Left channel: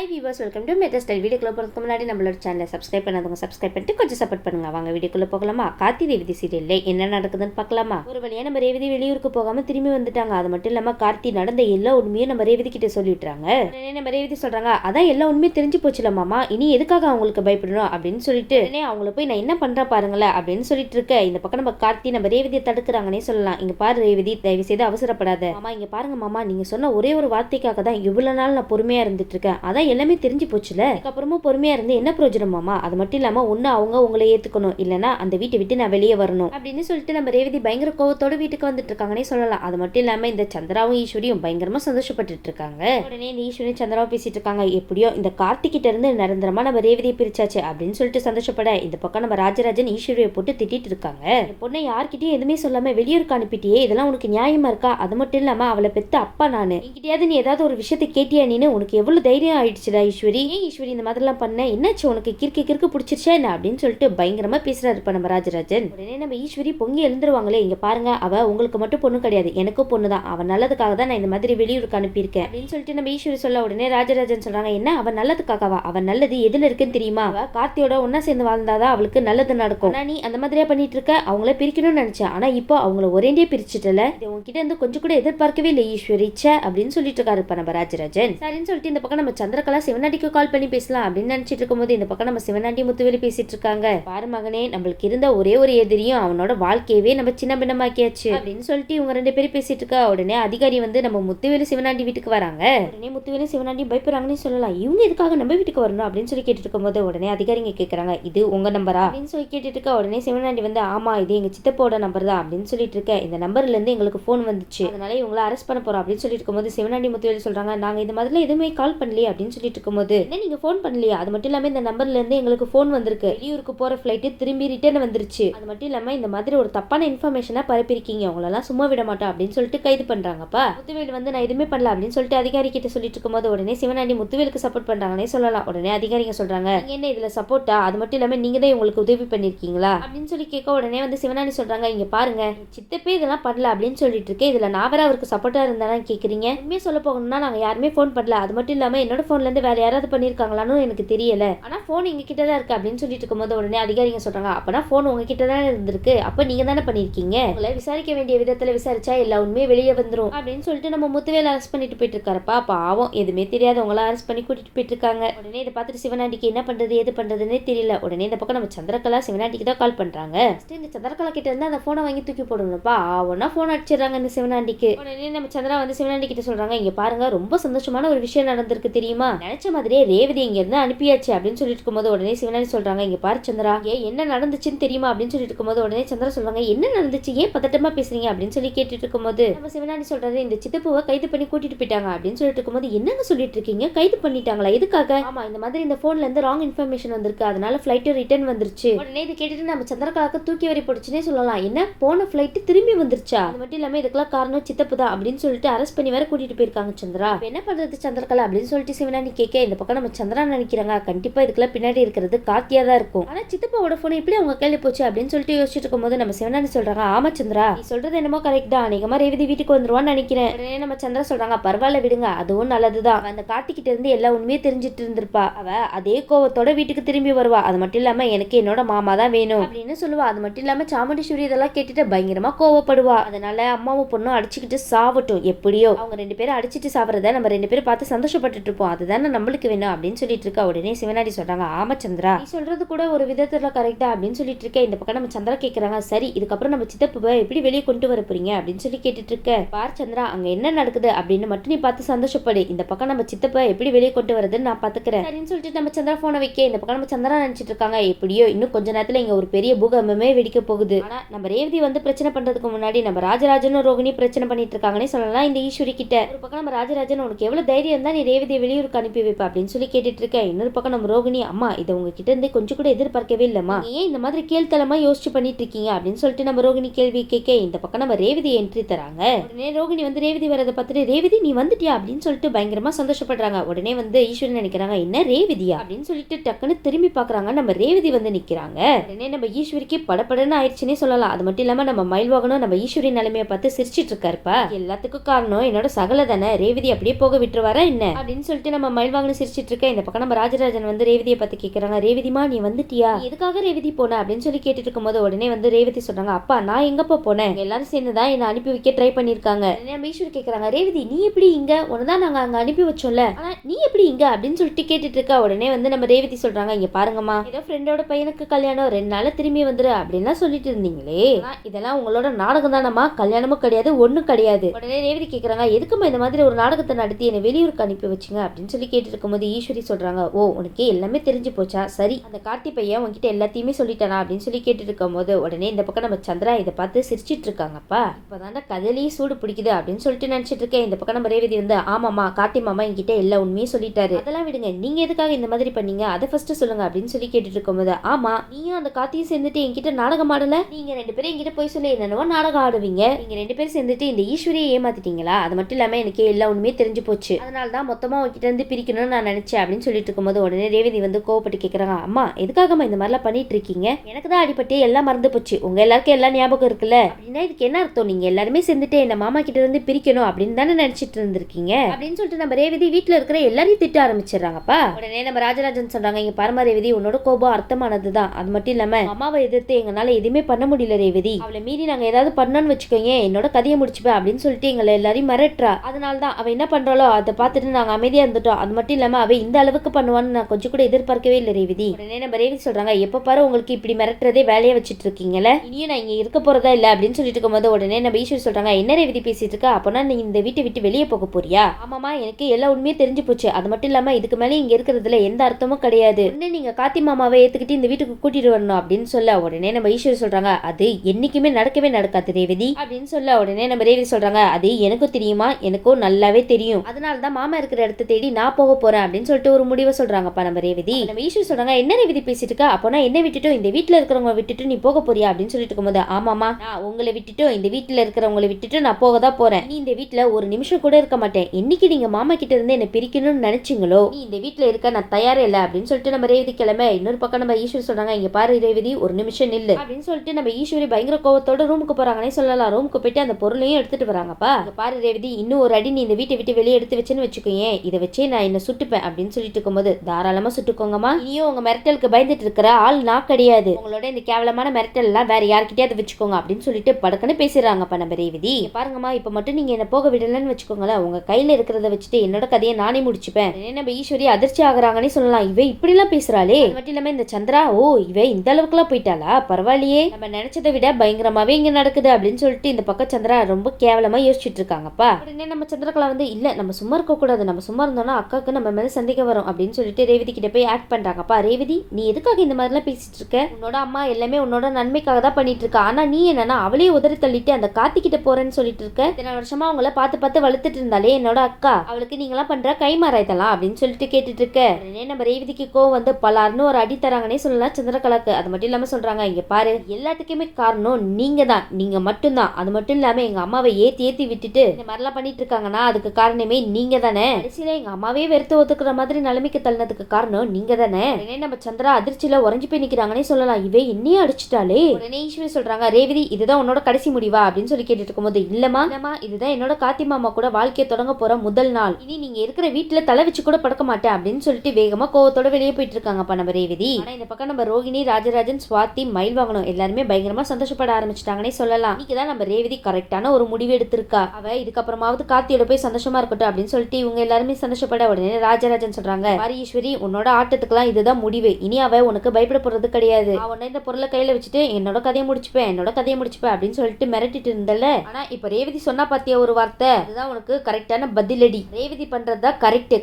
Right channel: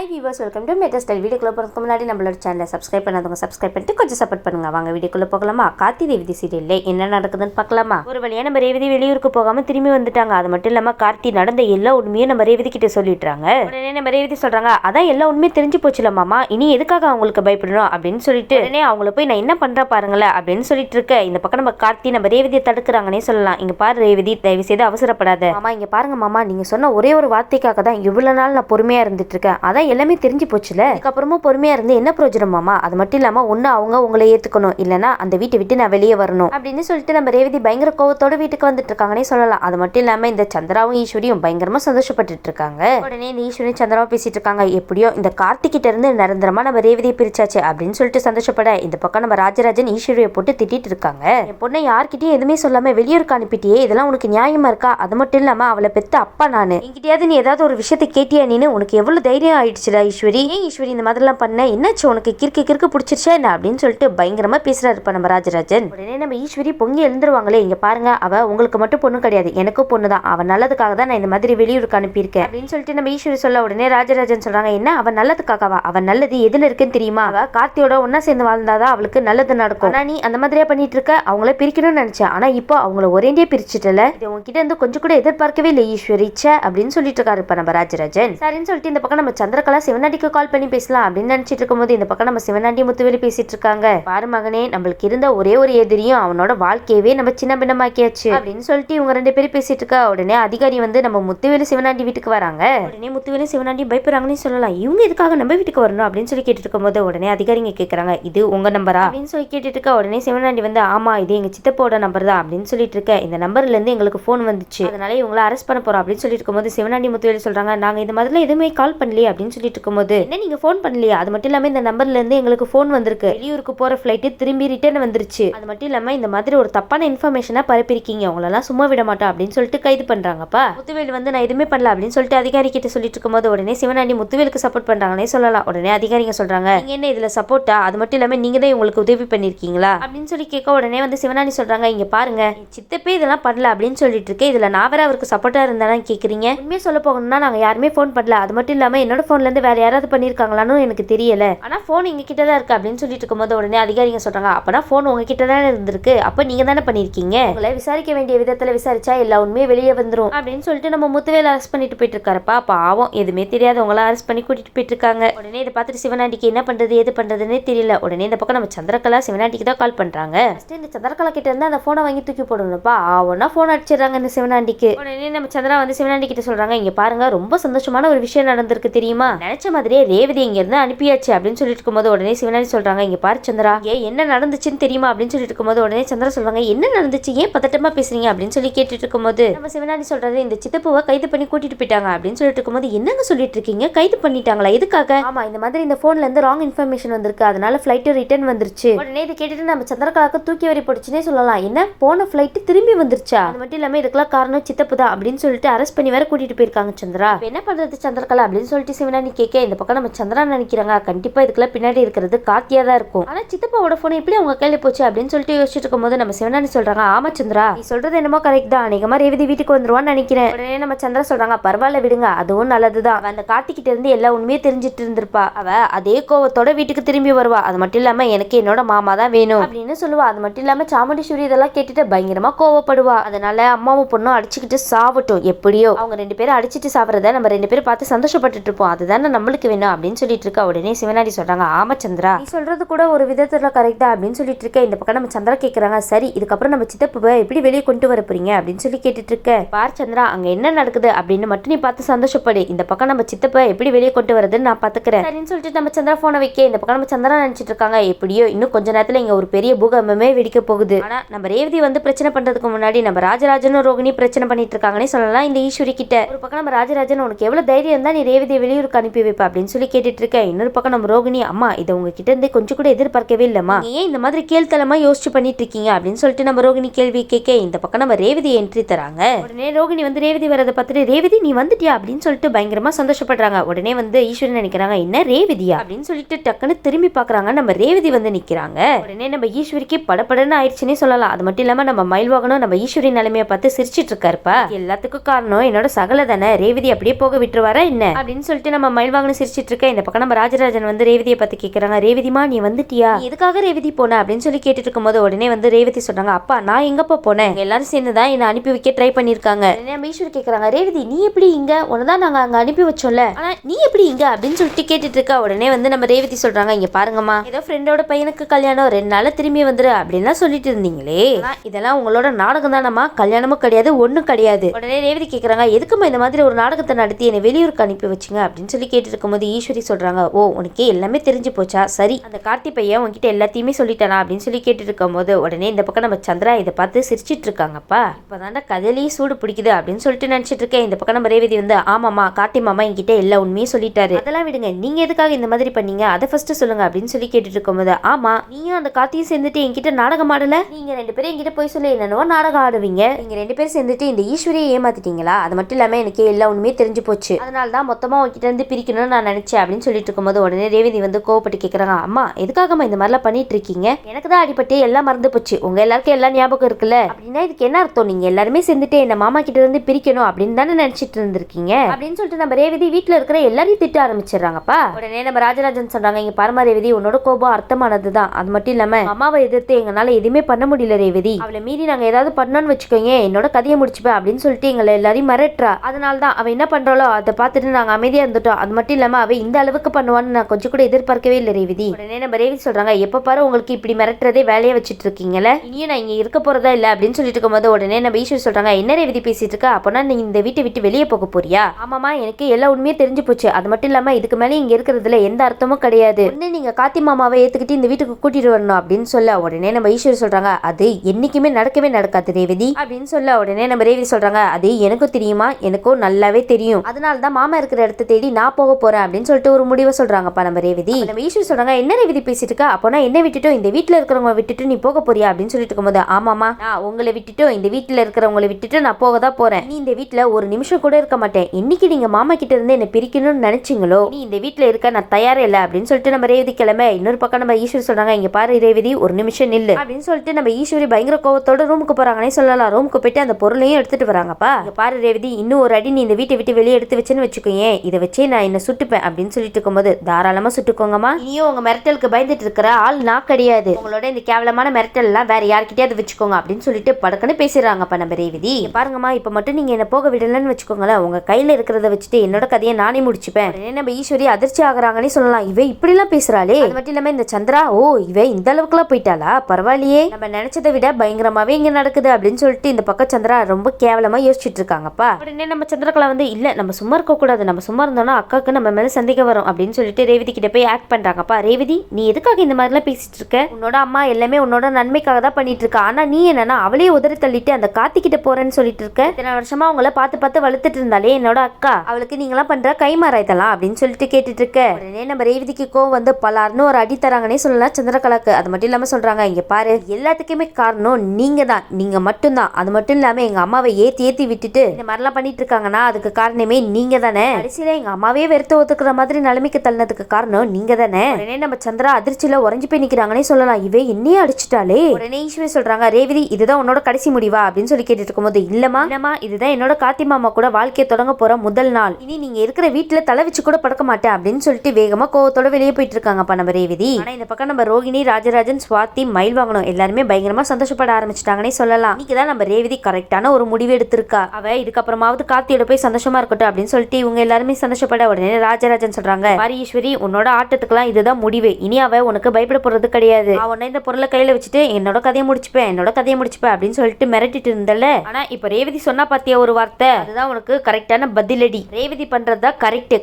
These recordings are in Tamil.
High viewers, welcome to matter style. வீடியோக்குள்ள போகிறதுக்கு முன்னாடி நம்மளோட சேனலை சப்ஸ்கிரைப் பண்ணாதவங்க சப்ஸ்கிரைப் பண்ணிட்டு கொஞ்சம் சப்போர்ட் பண்ணுங்க. வாங்க வீடியோக்குள்ள போகலாமா? கார்த்தி ரேவதி சீரியல்ல என்ன நடக்குதுன்னு பார்க்கலாமா? ஒரு வழியா நம்ம ரேவதி வெளியூருக்கு போகாம திரும்பி வந்துட்டாங்க. அது மட்டும் இல்லாம கார்த்தி நடந்த எல்லா உண்மையும் நம்ம ரேவதி கிட்ட சொல்லிட்டாங்க. உடனே நம்ம ரேவதி சொல்றாங்க, அதான் எல்லா உண்மையும் தெரிஞ்சு போச்சுல மாமா, இனி எதுக்காக அவங்களுக்கு பயப்படணும் அப்படின்னு சொல்லிட்டு உடனே அவங்கள போய் நான் என்ன பண்றேன் பாருங்களேன் அப்படின்னு சொல்லிட்டு இருக்க. இந்த பக்கம் நம்ம கார்த்தி நம்ம ரேவதியை தடுக்கிறாங்கன்னே சொல்லலாம். இங்க பாரு ரேவதி, தயவு செய்து அவசரப்படாத மாமா. இங்க பாருங்க மாமா, நீங்க சொன்ன ஒரே ஒரு வார்த்தைக்காக தான் இவ்வளவு நாள் நான் பொறுமையா இருந்துட்டு இருக்கேன். அதான் எல்லாமே தெரிஞ்சு போச்சுல, அதுக்கப்புறமும் பொறுமையா இருந்து என்ன பிரயோஜனம் மாமா? அது மட்டும் இல்லாம ஒண்ணு அவங்க உங்களை ஏத்துக்கணும், இல்லனா அந்த வீட்டை விட்டு நான் வெளியே வரணும் அப்படின்னு சொல்லிட்டு நம்ம ரேவதி பயங்கர கோவத்தோட வீட்டுக்கு வந்துட்டு இருக்காங்கன்னே சொல்லலாம். அது மட்டும் இல்லாம இந்த சந்திராவும் ஈஸ்வரியும் பயங்கரமா சந்தோஷப்பட்டு இருக்காங்க. உடனே இந்த ஈஸ்வரியும் சந்திராவும் பேசிட்டு இருக்காங்க, எப்படியோ இந்த கார்த்திகிட்ட இருந்து நிரந்தரமா நம்ம ரேவதியை பிரிச்சாச்சு அப்படின்னு சொல்லிட்டு சந்தோஷப்பட, இந்த பக்கம் நம்ம ராஜராஜன் ஈஸ்வரியை போட்டு திட்டிட்டு இருக்காங்க. என் பொண்ணை யார்கிட்டயும் எதுவுமே சொல்லாம வெளியூருக்கு அனுப்பிட்டியே, இதெல்லாம் உனக்கு நியாயமா இருக்கா? அது மட்டும் இல்லாம அவளை பெத்த அப்பா நானு, என்கிட்டயாவது நீ ஏதாவது ஒரு விஷயத்தை கேட்டியா? நீனு உனக்கு எவ்வளவு தைரியம் ஆயிடுச்சுடா ஈஸ்வரி, ஏன் ஈஸ்வரி இந்த மாதிரிலாம் பண்ண? என்னாச்சு உனக்கு? கிறுக்கு பிடிச்சிருச்சா என்ன அப்படின்னு சொல்லிட்டு பயங்கரமா பேசுறாரு இப்ப நம்ம ராஜராஜன். உடனே நம்ம ஈஸ்வரி பொங்கி எழுந்துருவாங்களே, இங்க பாருங்க அவ உங்களுக்கு மட்டும் பொண்ணு கிடையாது, எனக்கும் பொண்ணு தான். அவன் நல்லதுக்காக தான் நான் இந்த மாதிரி வெளியூருக்கு அனுப்பியிருக்கேன் அப்படின்னு சொல்லிட்டு நம்ம ஈஸ்வரி சொல்ல, உடனே ராஜராஜன் சொல்றாங்க, என்ன அவன் நல்லதுக்காகவா? அவன் நல்லது எதுல இருக்குன்னு தெரியுமா? அவ கார்த்தியோட ஒன்னா சேர்ந்து வாழ்ந்தாதான் அவளுக்கு நல்லது நடக்கும். ஆனா நீ அந்த மாதிரியா பண்ணிட்டு இருக்க. அவங்கள பிரிக்கணும்னு நினைச்சேன், ஆனா இப்போ அவங்கள ஒரேண்டே பிரிச்சுட்டல. இது உங்ககிட்ட இருந்து கொஞ்சம் கூட எதிர்பார்க்கவே இல்லை ஈஸ்வரி அப்படின்னு சொல்லிட்டு இருக்காரு இப்ப நம்ம ராஜராஜன். சரின்னு சொல்லிட்டு இந்த பக்கம் நம்ம சந்திரகலா சிவனாண்டிக்கு கால் பண்ணி பேசலாம் அப்படின்னு நினைச்சிட்டு இருக்கும்போது இந்த பக்கம் நம்ம சிவனாண்டி முத்துவேலி பேசிட்டு இருக்காங்க. பாரு மகனே, நம்மளுக்கு இருந்த ஒரே ஒரு எதிரியும் அவனோட வாழ்க்கையவே நம்ம சின்ன பின்னமாக்கியாச்சு அப்படின்னு சொல்லிட்டு இவங்க ரெண்டு பேரும் பேசிட்டு இருக்கா. உடனே அதிகாரி வந்து நம்ம முத்துவேலி சிவனாண்டி வீட்டுக்கு வராங்க. உடனே முத்துவேலி சிவனாண்டி பயப்படுறாங்கன்னு சொல்லலாம். இவங்க எதுக்காக நம்ம வீட்டுக்கு வரணும் அப்படின்னு சொல்லி கேட்டுட்டு இருக்கும்போது உடனே அதிகாரிங்க கேட்கறாங்க, இது உங்க நம்பரா அப்படின்னு சொல்லி கேட்டுட்டு இருக்கா. உடனே சிவனாண்டி வந்து, ஆமா இது எங்க சித்தப்போட நம்பர் தான் அப்படின்னு சொல்லிட்டு இருக்க. இந்த நம்பர்ல இருந்து எங்களுக்கு போன் வந்துச்சு, அதனால இவங்களை அரெஸ்ட் பண்ண போறோம் அப்படின்னு சொல்லிட்டு இருக்கும்போது சிவனாண்டி முத்துவேலி சொல்றாங்க, நாங்க இந்த மாதிரிலாம் எதுவுமே கால் பண்ணலையே அப்படின்னு சொல்லிட்டு இருக்கும்போது, என்ன நீங்க போன் பண்ணலையா? அது மட்டும் இல்லாம இந்த நம்பர்ல இருந்து எங்களுக்கு போன் வந்திருக்கு, வெளியூருக்கு போற ஃபிளைட் திரும்பி ரிட்டர்ன் வந்துருச்சு. அது மட்டும் இல்லாம இந்த மாதிரி ஒரு தப்பான இன்ஃபர்மேஷனா பரப்பிருக்கீங்க, உங்களெல்லாம் சும்மா விட மாட்டோம் அப்படின்னு சொல்லிட்டு கைது பண்றாங்கப்பா. முத்துவேல் வந்து நான் எதுவுமே பண்ணல அப்படின்னு சொல்லிட்டு அதிகாரி கிட்ட சொல்லிட்டு இருக்கும்போது உடனே சிவனாண்டி முத்துவேலுக்கு சப்போர்ட் பண்றாங்கன்னே சொல்லலாம். உடனே அதிகாரிங்க சொல்றாங்க, நீங்க என்ன இதுல சப்போர்ட்டா? அது மட்டும் இல்லாம நீங்க தான் உங்களுக்கு உதவி பண்ணிருக்கீங்களா அப்படின்னு சொல்லி கேட்க. உடனே வந்து சிவனாண்டி சொல்றாங்க, இங்க பாருங்க சித்தப்பே இதெல்லாம் பண்ணல அப்படின்னு சொல்லிட்டு இருக்கேன், இதுல நான் வேற அவருக்கு சப்போர்ட்டா இருந்தா கேக்குறீங்க. உண்மையை சொல்ல போகணும்னா நாங்க யாருமே போன் பண்ணல. அது மட்டும் இல்லாம என்னோட போன்ல இருந்து வேற யாராவது பண்ணிருக்காங்களான்னு எனக்கு தெரியல, ஆனா போன் எங்க கிட்ட தான் இருக்கு அப்படின்னு சொல்லிட்டு இருக்கும்போது உடனே அதிகாரிங்க சொல்றாங்க, அப்பனா போன் உங்ககிட்ட தான் இருந்திருக்கு, அப்ப நீங்க தானே பண்ணிருக்கீங்க, உங்களை விசாரிக்க வேண்டிய விதத்துல விசாரிச்சா எல்லா உண்மையே வெளியே வந்துரும் அப்படின்னு சொல்லிட்டு நம்ம முத்துவேல அரெஸ்ட் பண்ணிட்டு போயிட்டு இருக்காருப்பா. பாவம் எதுவுமே தெரியாது உங்களை அரெஸ்ட் பண்ணி கூட்டிட்டு போயிட்டு இருக்காங்க. உடனே இதை பார்த்துட்டு சிவனாண்டிக்கு என்ன பண்றது ஏது பண்றதுன்னே தெரியல. உடனே இந்த பக்கம் நம்ம சந்திரகலா சிவனாண்டிக்கு தான் கால் பண்றாங்க. இந்த சந்திரகலா கிட்ட இருந்து அந்த போனை வாங்கி தூக்கி போடணும்ப்பா. ஆவனா போன் அடிச்சிடறாங்க இந்த சிவனாண்டிக்கு. உடனே நம்ம சந்திரா வந்து சிவனாண்டி கிட்ட சொல்றாங்க, இங்க பாருங்க ரொம்ப சந்தோஷமான ஒரு விஷயம் நடந்திருக்கு தெரியுமா, நினைச்ச மாதிரியே ரேவதி இங்க இருந்து அனுப்பியாச்சு அப்படின்னு சொல்லிட்டு இருக்கும்போது உடனே சிவனாண்டி சொல்றாங்க, இங்க பாரு சந்திரா, என்ன நடந்துச்சுன்னு தெரியுமா அப்படின்னு சொல்லிட்டு இருக்கும்போது உடனே சந்திரா சொல்றாங்க, என்ன நடந்துச்சு, ஏன் பதட்டமா பேசுறீங்க அப்படின்னு சொல்லி கேட்டுட்டு இருக்கும்போது நம்ம சிவனாண்டி சொல்றாரு, இந்த சித்தப்புவை கைது பண்ணி கூட்டிட்டு போயிட்டாங்க அப்படின்னு சொல்லிட்டு இருக்கும்போது, என்னங்க சொல்லிட்டு இருக்கீங்க, கைது பண்ணிட்டாங்களா, எதுக்காக? ஆமா இந்த மாதிரி இந்த போன்ல இருந்து ராங் இன்ஃபர்மேஷன் வந்திருக்கு, அதனால ஃபிளைட் ரிட்டர்ன் வந்துருச்சு. உடனே இதை கேட்டுட்டு நம்ம சந்திரகலாக்கு தூக்கி வரி போடுச்சுன்னே சொல்லலாம். என்ன போன ஃபிளைட் திரும்பி வந்துருச்சா? அது மட்டும் இல்லாம இதுக்கெல்லாம் காரணம் சித்தப்பு தான் அப்படின்னு சொல்லிட்டு அரெஸ்ட் பண்ணி வேற கூட்டிட்டு போயிருக்காங்க சந்திரா. என்ன பண்றது சந்திரகலா அப்படின்னு சொல்லிட்டு சிவனாண்டி கேட்க, இந்த பக்கம் நம்ம சந்திரா நினைக்கிறாங்க, கண்டிப்பா இதுக்கெல்லாம் பின்னாடி இருக்கிறது கார்த்தியா தான் இருக்கும். ஆனா சித்தப்பாவோட போன் எப்படி அவங்க கையில போச்சு அப்படின்னு சொல்லிட்டு யோசிச்சுட்டு இருக்கும்போது நம்ம சிவனாண்டி சொல்றாங்க, ஆமா சந்திரா நீ சொல்றது என்னமோ கரெக்ட் தான், அநேகமா ரேவதி வீட்டுக்கு வந்துருவான்னு நினைக்கிறேன். உடனே நம்ம சந்திரா சொல்றாங்க, பரவாயில்ல விடுங்க, அதுவும் நல்லதுதான். அந்த கார்த்திகிட்ட இருந்து எல்லா உண்மையே தெரிஞ்சிட்டு இருந்திருப்பா, அவ அதே கோவத்தோட வீட்டுக்கு திரும்பி வருவா. அது மட்டும் இல்லாம எனக்கு என்னோட மாமா தான் வேணும் அப்படின்னு சொல்லுவா. அது மட்டும் இல்லாம சாமுண்டீஸ்வரி இதெல்லாம் கேட்டுட்டு பயங்கரமா கோவப்படுவா. அதனால அம்மாவும் பொண்ணும் அடிச்சுக்கிட்டு சாவட்டும், எப்படியோ அவங்க ரெண்டு பேரும் அடிச்சுட்டு சாப்பிடறத நம்ம ரெண்டு பேரும் பார்த்து சந்தோஷப்பட்டுட்டு இருப்போம், அதுதானே நம்மளுக்கு வேணும் அப்படின்னு சொல்லிட்டு இருக்கா. உடனே சிவனாண்டி சொல்றாங்க, ஆமா சந்திரா நீ சொல்றது கூட ஒரு விதத்துல கரெக்ட் தான் அப்படின்னு சொல்லிட்டு இருக்க. இந்த பக்கம் நம்ம சந்திரா கேக்குறாங்க, சரி இதுக்கப்புறம் நம்ம சித்தப்புவை எப்படி வெளியே கொண்டு வர போறீங்க அப்படின்னு சொல்லி கேட்டுட்டு இருக்க. பார் சந்திரா, அங்க என்ன நடக்குது அப்படின்னு மட்டும் நீ பார்த்து சந்தோஷப்படு, இந்த பக்கம் நம்ம சித்தப்பை எப்படி வெளியே கொண்டு வரதுன்னு நான் பாத்துக்கிறேன் அப்படின்னு சொல்லிட்டு நம்ம சந்திரா போனை வைக்க. இந்த பக்கம் நம்ம சந்திரா நினைச்சிட்டு இருக்காங்க, எப்படியோ இன்னும் கொஞ்ச நேரத்துல இங்க ஒரு பெரிய பூகம்பமே வெடிக்க போகுது. ஆனா நம்ம ரேவதி வந்து பிரச்சனை பண்றதுக்கு முன்னாடி நம்ம ராஜராஜனும் ரோகிணி பிரச்சனை பண்ணிட்டு இருக்காங்கன்னு சொல்லலாம் இந்த ஈஸ்வரி கிட்ட. ஒரு பக்கம் நம்ம ராஜராஜன், உனக்கு எவ்வளவு தைரியம் இருந்தா நீ ரேவதியை வெளியூருக்கு அனுப்பி வைப்பா அப்படின்னு சொல்லி கேட்டுட்டு இருக்க. இன்னொரு பக்கம் நம்ம ரோகிணி, அம்மா இதை உங்ககிட்ட இருந்து கொஞ்சம் கூட எதிர்பார்க்கவே இல்லம்மா, ஏன் இந்த மாதிரி கேள்தலமா யோசிச்சு பண்ணிட்டு இருக்கீங்க அப்படின்னு சொல்லிட்டு நம்ம ரோகிணி கேள்வி கேட்க. இந்த பக்கம் நம்ம ரேவதி என்ட்ரி தராங்க. உடனே ரோகிணி வந்து ரேவதி வரதை பார்த்துட்டு, ரேவதி நீ வந்துட்டியா அப்படின்னு சொல்லிட்டு பயங்கரமா சந்தோஷப்படுறாங்க. உடனே வந்து ஈஸ்வரன் நினைக்கிறாங்க, என்ன ரேவதியா அப்படின்னு சொல்லிட்டு டக்குன்னு திரும்பி பாக்குறாங்க. நம்ம ரேவதி வந்து நிக்கிறாங்க. உடனே நம்ம ஈஸ்வரிக்கு படப்படன்னு ஆயிடுச்சுன்னே சொல்லலாம். அது மட்டும் இல்லாம நம்ம மயில்வாகனும் நம்ம ஈஸ்வரி நிலைமையை பார்த்து சிரிச்சிட்டு இருக்காருப்பா. எல்லாத்துக்கும் காரணம் என்னோட சகல தானே, ரேவதி அப்படியே போக விட்டுருவாரா என்ன அப்படின்னு சொல்லிட்டு நம்ம நம்ம மயில்வாங்கன்னு சிரிச்சிட்டு இருக்க. இந்த பக்கம் நம்ம ராஜராஜன் வந்து ரேவதியை பத்தி கேக்குறாங்க. ரேவதிமா நீ வந்துட்டியா, எதுக்காக ரேவதி போன அப்படின்னு சொல்லி கேட்டுட்டு இருக்கும்போது உடனே வந்து ரேவதி சொல்றாங்க, அப்பா நான் எங்கப்பா போனேன், எல்லாரும் சேர்ந்துதான் என்ன அனுப்பி வைக்க ட்ரை பண்ணிருக்காங்க. ஈஸ்வர் கேக்குறாங்க, ரேவதி நீ எப்படி இங்க, உனதான் நாங்க அங்க அனுப்பி வச்சோம்ல, ஆனா நீ எப்படி இங்க அப்படின்னு சொல்லிட்டு கேட்டுட்டு இருக்கா. உடனே வந்து நம்ம ரேவதி சொல்றாங்க, இங்க பாருங்கம்மா, ஏதோ ஃப்ரெண்டோட பையனுக்கு கல்யாணம் 2 நாள்ல திரும்பி வந்துரு அப்படின்னு சொல்லிட்டு இருந்தீங்களே, இதெல்லாம் உங்களோட நாடகம் தானம்மா, கல்யாணமும் கிடையாது ஒண்ணும் கிடையாது. உடனே ரேவதி கேக்குறாங்க, எதுக்குமா இந்த மாதிரி ஒரு நாடகத்தை நடத்தி என்னை வெளியூருக்கு அனுப்பி வச்சுங்க அப்படின்னு சொல்லி கேட்டு இருக்கும்போது ஈஸ்வரி சொல்றாங்க, ஓ உனக்கு எல்லாமே தெரிஞ்சு போச்சா, சரி அந்த கார்த்தி பையன் உன்கிட்ட எல்லாத்தையுமே சொல்லிட்டானா அப்படின்னு சொல்லி கேட்டு இருக்கும்போது உடனே இந்த பக்கம் நம்ம சந்திரா இதை பார்த்து சிரிச்சிட்டு இருக்காங்கப்பா. இப்பதாண்டா கதையிலேயே சூடு பிடிக்குது அப்படின்னு சொல்லிட்டு நினைச்சிட்டு இருக்கேன். இந்த பக்கம் நம்ம ரேவதி வந்து, ஆமாமா கார்த்தி மாமா என்கிட்ட எல்லா உண்மையும் சொல்லிட்டாரு, அதெல்லாம் விடுங்க, நீங்க எதுக்காக இந்த மாதிரி பண்ணீங்க அதை ஃபர்ஸ்ட் சொல்லுங்க அப்படின்னு சொல்லி கேட்டுட்டு இருக்கும்போது, ஆமா நீயும் அந்த கார்த்தியும் சேர்ந்துட்டு என்கிட்ட நாடகம் ஆடல, நீங்க 2 பேரும் என்கிட்ட போய் சொல்ல என்னென்னவோ நாடகம் ஆடுவீங்க, நீங்க 2 பேரும் சேர்ந்துட்டு இந்த ஈஸ்வரியை ஏமாத்திட்டீங்களா, அது மட்டும் இல்லாம எனக்கு எல்லா உண்மையும் தெரிஞ்சு போச்சு, அதனாலதான் மொத்தமா உங்ககிட்ட இருந்து பிரிக்கணும்னு நான் நினைச்சேன் அப்படின்னு சொல்லிட்டு இருக்கும்போது உடனே ரேவதி வந்து கோவப்பட்டு கேக்குறாங்க, அம்மா எதுக்காகமா இந்த மாதிரிலாம் பண்ணிட்டு இருக்கீங்க, எனக்கு தான் அடிப்பட்டு எல்லாம் மறந்து போச்சு, உங்க எல்லாருக்கும் எல்லாம் ஞாபகம் இருக்குல்ல, அப்படின்னா இதுக்கு என்ன அர்த்தம், நீங்க எல்லாருமே சேர்ந்துட்டு என்ன மாமா கிட்ட இருந்து பிரிக்கணும் அப்படின்னு தானே நினைச்சிட்டு இருந்திருக்கீங்க அப்படின்னு சொல்லிட்டு நம்ம ரேவதி வீட்டுல இருக்கிற எல்லாரையும் திட்ட ஆரம்பிச்சிடறாங்கப்பா. உடனே நம்ம ராஜராஜன் சொல்றாங்க, இங்க பாரமா ரேவதி உன்னோட கோபம் அர்த்தமானதுதான், அது மட்டும் இல்லாம அம்மாவை எதிர்த்து எங்களால எதுவுமே பண்ண முடியல ரேவதி, அவளை மீறி நாங்க ஏதாவது பண்ணோம்னு வச்சுக்கோங்க என்னோட கதையை முடிச்சுப்பேன் அப்படின்னு சொல்லிட்டு எங்களை எல்லாரையும் மிரட்டுறா, அதனாலதான் அவ என்ன பண்றாளோ அதை பார்த்துட்டு நாங்க அமைதியா இருந்துட்டோம், அது மட்டும் இல்லாம அவ இந்த அளவுக்கு பண்ணுவான்னு நான் கொஞ்சம் கூட எதிர்பார்க்கவே இல்லை ரேவதி. உடனே நம்ம ரேவதி சொல்றாங்க, எப்ப பாரு உங்களுக்கு இப்படி மிரட்டுறதே வேலையை வச்சுட்டு இருக்கீங்களே, இனியும் நான் இங்க இருக்க போறதா இல்ல அப்படின்னு சொல்லிட்டு இருக்கும்போது உடனே நம்ம ஈஸ்வர் சொல்றாங்க, என்ன ரேவதி பேசிட்டு இருக்க, அப்பனா நீ இந்த வீட்டை விட்டு வெளியே போக போறியா, ஆமாமா எனக்கு எல்லா உண்மையே தெரிஞ்சு போச்சு, அது மட்டும் இல்லாம இதுக்கு மேலே இங்க இருக்கிறதுல எந்த அர்த்தமும் கிடையாது, ஒண்ணு நீங்க கார்த்தி மாமாவை ஏத்துக்கிட்டு இந்த வீட்டுக்கு கூட்டிட்டு வரணும் அப்படின்னு சொல்ல உடனே நம்ம ஈஸ்வர் சொல்றாங்க, அது என்னைக்குமே நடக்கவே நடக்காது ரேவதி அப்படின்னு சொல்ல உடனே நம்ம ரேவதி சொல்றாங்க, அது எனக்கும் தெரியுமா, எனக்கும் நல்லாவே தெரியும், அதனாலதான் மாமா இருக்கிற இடத்த தேடி நான் போக போறேன் அப்படின்னு சொல்லிட்டு ஒரு முடிவை சொல்றாங்கப்பா நம்ம ரேவதி. நம்ம ஈஸ்வர் சொல்றாங்க, என்ன ரேவதி பேசிட்டு இருக்கா, அப்போனா என்ன விட்டுட்டு இந்த வீட்டுல இருக்கிறவங்க விட்டுட்டு நீ போக போறியா அப்படின்னு சொல்லிட்டு இருக்கும்போது, ஆமாமா நான் உங்களை விட்டுட்டு இந்த வீட்டுல இருக்கிறவங்களை விட்டுட்டு நான் போக தான் போறேன், நீ இந்த வீட்டுல ஒரு நிமிஷம் கூட இருக்க மாட்டேன், இன்னைக்கு நீங்க மாமா கிட்ட இருந்து என்ன பிரிக்கணும்னு நினைச்சீங்களோ நீ இந்த வீட்டுல இருக்க நான் தயாரே இல்லை அப்படின்னு சொல்லிட்டு நம்ம ரேவதி கிளம்ப. இன்னொரு பக்கம் நம்ம ஈஸ்வர் சொல்றாங்க, இங்க பாரு ரேவதி ஒரு நிமிஷம் நில்லு அப்படின்னு சொல்லிட்டு நம்ம ஈஸ்வரி பயங்கர கோவத்தோட ரூமுக்கு போறாங்கன்னே சொல்லலாம். ரூமுக்கு போயிட்டு அந்த பொருளையும் எடுத்துட்டு வராங்கப்பா. இங்க பாரு ரேவதி இன்னும் ஒரு அடி நீ இந்த வீட்டை விட்டு வெளியே எடுத்து வச்சுன்னு வச்சுக்கோங்க, இதை வச்சே நான் என்ன சுட்டுப்பேன் அப்படின்னு சொல்லிட்டு இருக்கும்போது, தாராளமா சுட்டுக்கோங்கம்மா, இனியும் உங்க மிரட்டலுக்கு பயந்துட்டு இருக்கிற ஆள் நான் கிடையாது, உங்களோட இந்த கேவலமான மிரட்டல் எல்லாம் வேற யார்கிட்டயாவது வச்சுக்கோங்க அப்படின்னு சொல்லிட்டு படக்குன்னு பேசுறாங்கப்பா நம்ம ரேவதி. பாருங்கம்மா இப்ப மட்டும் நீங்க என்ன போக விடலன்னு வச்சுக்கோங்களேன், உங்க கையில இருக்கிறத வச்சுட்டு என்னோட கதையை நானே முடிச்சுப்பேன். நம்ம ஈஸ்வரி அதிர்ச்சி ஆகுறாங்கன்னு சொல்லலாம், இவ இப்படி எல்லாம் பேசுறாளே, அது மட்டும் இல்லாம இந்த சந்திரா ஓ இவ இந்த அளவுக்கு எல்லாம் போயிட்டாளா, பரவாயில்லையே நம்ம நினைச்சதை விட பயங்கரமாவே இங்க நடக்குது அப்படின்னு சொல்லிட்டு இந்த பக்கம் சந்திரா ரொம்ப கேவலமா யோசிச்சுட்டு இருக்காங்கப்பா. உடனே நம்ம சந்திரகலா வந்து, இல்ல நம்ம சும்மா இருக்க கூடாது, நம்ம சும்மா இருந்தோம்னா அக்காக்கு நம்ம மேல சந்தேகம் வரும் அப்படின்னு சொல்லிட்டு ரேவதி கிட்ட போய் ஆக்ட் பண்றாங்கப்பா. ரேவதி நீ எதுக்காக இந்த மாதிரி எல்லாம் பேசிட்டு இருக்க, உன்னோட அம்மா எல்லாமே உன்னோட நன்மைக்காக தான் பண்ணிட்டு இருக்கா, ஆனா நீ என்னன்னா அவளையே உதறி தள்ளிட்டு அந்த கார்த்தி கிட்ட போறேன்னு சொல்லிட்டு இருக்க, இத்தனை வருஷமா உங்களை பார்த்து பார்த்து வளர்த்துட்டு இருந்தாலே என்னோட அக்கா, அவளுக்கு நீங்களாம் பண்ற கைமாறாய்த்தலாம் அப்படின்னு சொல்லிட்டு கேட்டுட்டு இருக்க. உடனே நம்ம ரேவதிக்கு கோவம் வந்து பலார்னு ஒரு அடி தராங்கன்னே சொல்லலாம் சந்திரகலாக்கு. அது மட்டும் இல்லாம சொல்றாங்க, இங்க பாரு எல்லாத்துக்குமே காரணம் நீங்க தான், நீங்க மட்டும்தான், அது மட்டும் இல்லாம எங்க அம்மாவை ஏத்தி விட்டுட்டு இந்த மாதிரிலாம் பண்ணிட்டு இருக்காங்கன்னா அதுக்கு காரணமே நீங்க தானே, கடைசியில எங்க அம்மாவே வெறுத்து ஒத்துக்கிற மாதிரி நிலைமைக்கு தள்ளினதுக்கு காரணம் நீங்க தானே. உடனே நம்ம சந்திரா அதிர்ச்சியில உறைஞ்சு போய் நிக்கிறாங்கன்னே சொல்லலாம், இவே என்னையே அடிச்சுட்டாலே. உடனே ஈஸ்வரி சொல்றாங்க, ரேவதி இதுதான் உன்னோட கடைசி முடிவா அப்படின்னு சொல்லி கேட்டுட்டு இருக்கும்போது, இல்லமா இதுதான் என்னோட கார்த்தி மாமா கூட வாழ்க்கையை தொடங்க போற முதல் நாள், இனி நீங்க இருக்கிற வீட்டுல தலை வச்சு கூட படுக்க மாட்டேன் அப்படின்னு சொல்லிட்டு வேகமா கோவத்தோட வெளியே போயிட்டு இருக்காங்கப்பா நம்ம ரேவதி. ஆனா இந்த பக்கம் நம்ம ரோகிணி, ராஜராஜன், சுவாதி, மயில் வாங்கணும் எல்லாருமே பயங்கரமா சந்தோஷப்பட ஆரம்பிச்சிட்டாங்கன்னே சொல்லலாம். இன்னைக்குதான் நம்ம ரேவதி கரெக்டான ஒரு முடிவு எடுத்திருக்கா, அவ இதுக்கப்புறமாவது கார்த்தியோட போய் சந்தோஷமா இருக்கட்டும் அப்படின்னு சொல்லிட்டு இவங்க எல்லாருமே சந்தோஷப்பட. உடனே ராஜராஜன் சொல்றாங்க, பாரி ஈஸ்வரி உன்னோட ஆட்டத்துக்குலாம் இதுதான் முடிவு, இனி அவ உனக்கு பயப்பட போறது கிடையாது, அவனை இந்த பொருளை கையில வச்சுட்டு என்னோட கதையை முடிச்சுப்பேன் அப்படின்னு சொல்லிட்டு மிரட்டிட்டு இருந்தல. ஆனா இப்ப ரேவதி சொன்னா பாத்தியா ஒரு வார்த்தை, அதுதான் உனக்கு கரெக்டான பதிலடி, ரேவதி பண்றதா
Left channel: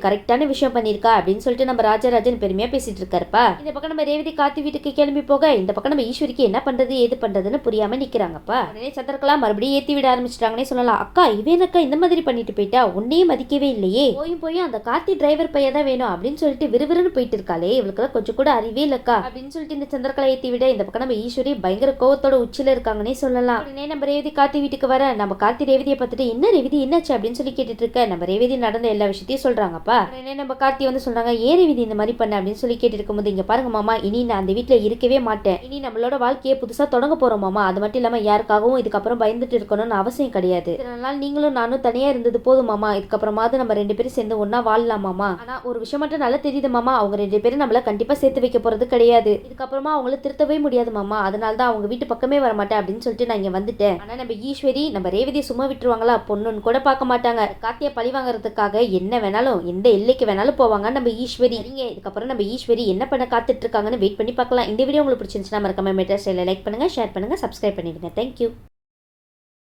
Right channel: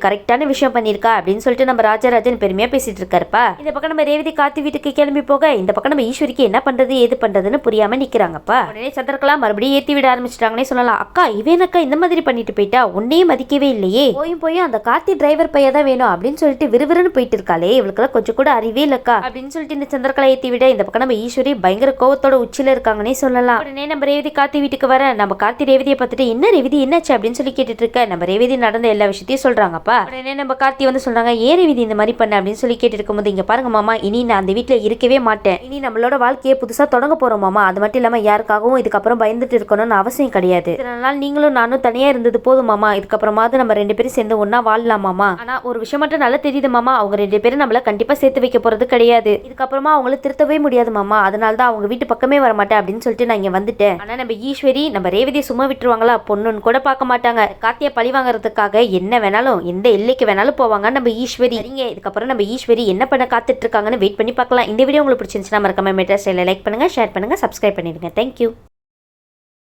கரெக்டான விஷயம் பண்ணிருக்கா அப்படின்னு சொல்லிட்டு நம்ம ராஜராஜன் பெருமையா பேசிட்டு இருக்காருப்பா. இந்த பக்கம் நம்ம ரேவதி கார்த்தி வீட்டுக்கு கிளம்பி போக, இந்த பக்கம் நம்ம ஈஸ்வரிக்கு என்ன பண்றது ஏது பண்றதுன்னு புரியாம நிக்கிறாங்கப்பா. உடனே சந்திரகலா மறுபடியும் ஏத்தி விட ஆரம்பிச்சிட்டாங்கன்னே சொல்லலாம். அக்கா இவனக்கா இந்த மாதிரி பண்ணிட்டு போயிட்டா, உன்னையே மதிக்கவே இல்லையே, போய் அந்த கார்த்தி டிரைவர் பையன் தான் வேணும் அப்படின்னு சொல்லிட்டு விறுவிறுன்னு போயிட்டு இருக்காளே, இவளுக்கெல்லாம் கொஞ்சம் கூட அறிவே இல்லக்கா அப்படின்னு சொல்லிட்டு இந்த சந்திரகலா ஏத்தி விட. இந்த பக்கம் நம்ம ஈஸ்வரி பயங்கர கோவத்தோட உச்சில இருக்காங்கன்னே சொல்லலாம். உடனே நம்ம ரேவதி கார்த்தி வீட்டுக்கு வர, நம்ம கார்த்தி ரேவதியை பார்த்துட்டு என்ன ரேவதி என்னாச்சு அப்படின்னு சொல்லி கேட்டுட்டு இருக்க. நம்ம ரேவதி நடந்த எல்லா விஷயத்தையும் சொல்றாங்கப்பா. உடனே நம்ம கார்த்தி வந்து சொல்றாங்க, ஏன் ரேவதி இந்த மாதிரி பண்ண அப்படின்னு சொல்லி கேட்டு இருக்கும்போது, இங்க பாருங்க மாமா, இனி நான் அந்த வீட்டுல இருக்கவே மாட்டேன், இனி நம்மளோட வாழ்க்கையை புதுசா தொடங்க போறோம் மாமா, அது மட்டும் இல்லாம யாருக்காகவும் இதுக்கப்புறம் பயந்துட்டு இருக்கணும்னு அவசியம் கிடையாது, இதனால நீங்களும் நானும் தனியா இருந்தது போதும் மாமா, இதுக்கப்புறமாவது நம்ம 2 பேரும் சேர்ந்து ஒன்னா வாழலாம் மாமா. ஆனா ஒரு விஷயம் மட்டும் நல்லா தெரியுது மாமா, அவங்க 2 பேரும் நம்மள கண்டிப்பா சேர்த்து வைக்க போறது கிடையாது. இதுக்கப்புறமா அவங்கள திருத்தவே முடியாது மாமா. அதனால தான் அவங்க வீட்டு பக்கமே வர மாட்டேன் அப்படின்னு சொல்லிட்டு நான் இங்க வந்துட்டேன். ஆனா நம்ம ஈஸ்வரி நம்ம ரேவதியை சும்மா விட்டுருவாங்களா? பொண்ணுன்னு கூட பார்க்க மாட்டாங்க. கார்த்தியை பழி வாங்குறதுக்காக என்ன வேணாலும் எந்த எல்லைக்கு வேணாலும் போவாங்க நம்ம ஈஸ்வரி. சரிங்க, இதுக்கப்புறம் நம்ம ஈஸ்வரி என்ன பண்ண காத்துட்டு இருக்காங்கன்னு வெயிட் பண்ணி பார்க்கலாம். இந்த வீடியோ உங்களுக்கு பிடிச்சிருந்துச்சுன்னா மறக்காம மெட்ரா ஸ்டைல லைக் பண்ணுங்க, ஷேர் பண்ணுங்க, சப்ஸ்கிரைப் பண்ணிடுங்க. தேங்க்யூ.